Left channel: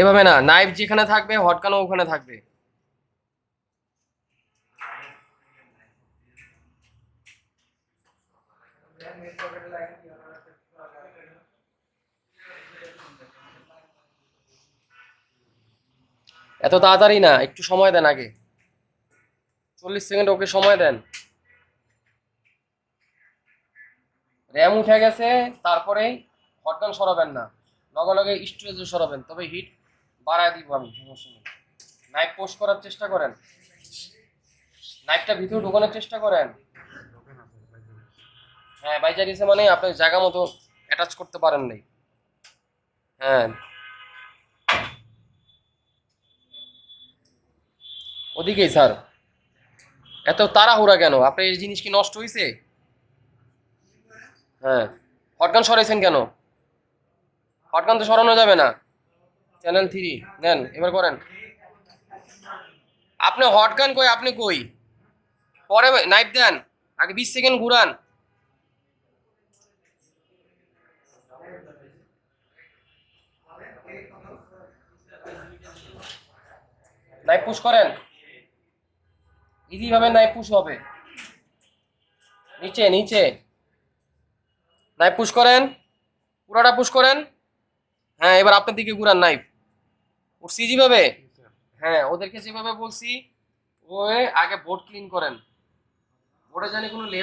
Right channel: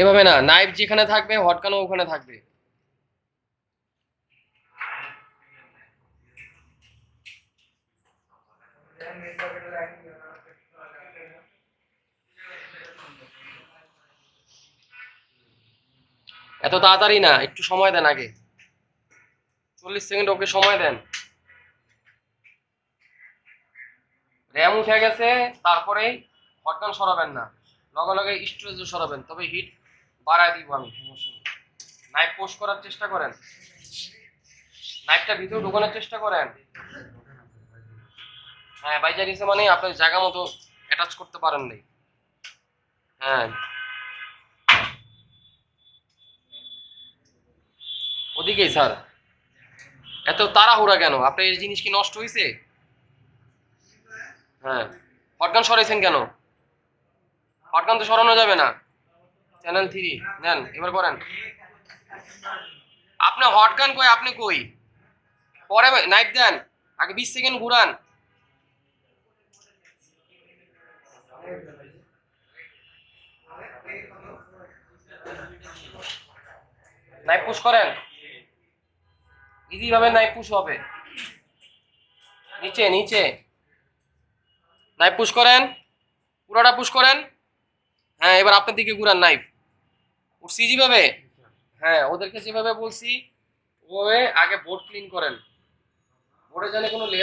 এভাবে না, নাইফ যেখানে থাকবে হটকানো ওখানে থাকবে? এত তাড়াতাড়ি না, একটু সময় দেন আগে। চল্লিশ সেকেন্ড ওকে সময় দেন। র্যাম উঠে গেছে, তারপরে হটগান সরাবেন না। লগে লগে স্টোরেজ সরাবেন, তবে হিট বাড়ায় দিব আমি নাইফ পোস্ট করার চেষ্টা করেন। নাইফটা ভিতরে ঢোকানোর চেষ্টা করেন। হ্যাঁ বাইজা দিছে মানে আপনি জায়গা মতো অ্যাটাচ করতে পারেন নাই। হ্যাঁ। ওদিকেই স্যার এত তাড়াহুড়া কেন? আপনার এই জিনিস কি নষ্ট হয়েছে হ্যাঁ। হটগান সরাইছেন কেন? হটগান তো সরানো যাবে না। চ্যানেল থ্রি, নেন, এবার করেন। আপনি হট গান কই, আপনি কই? পরে নাইট দেন, আগে বিশ সেকেন্ড ঘুরান। নাইফ পুশ করেন। ইজি ভাবে নাইফ পুশ হবে। নিচে নিচে। নাইফ পুশ করেন। পুরাটা পুশ করেন। হ্যাঁ এবার আপনার দিকে ঘুরান নাইফ। উঠছি যেভাবে হ্যাঁ ওদেরকে যেভাবে বলছি ওভাবে আগে বোর্ড ক্লিন করেন। বোর্ডে জানে কোনো লেয়ার